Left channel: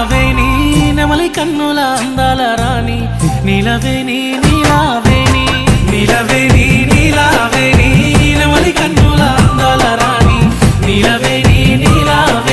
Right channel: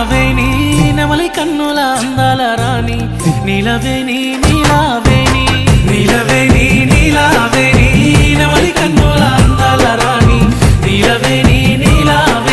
నీలావేణి నెమలి కన్నుల అందాల రాణి నీలవేణి నీలావేణి నీలవేణి నీలావేణి నెమలి కన్నుల అందాల రాణి నీలవేణి నీలావేణి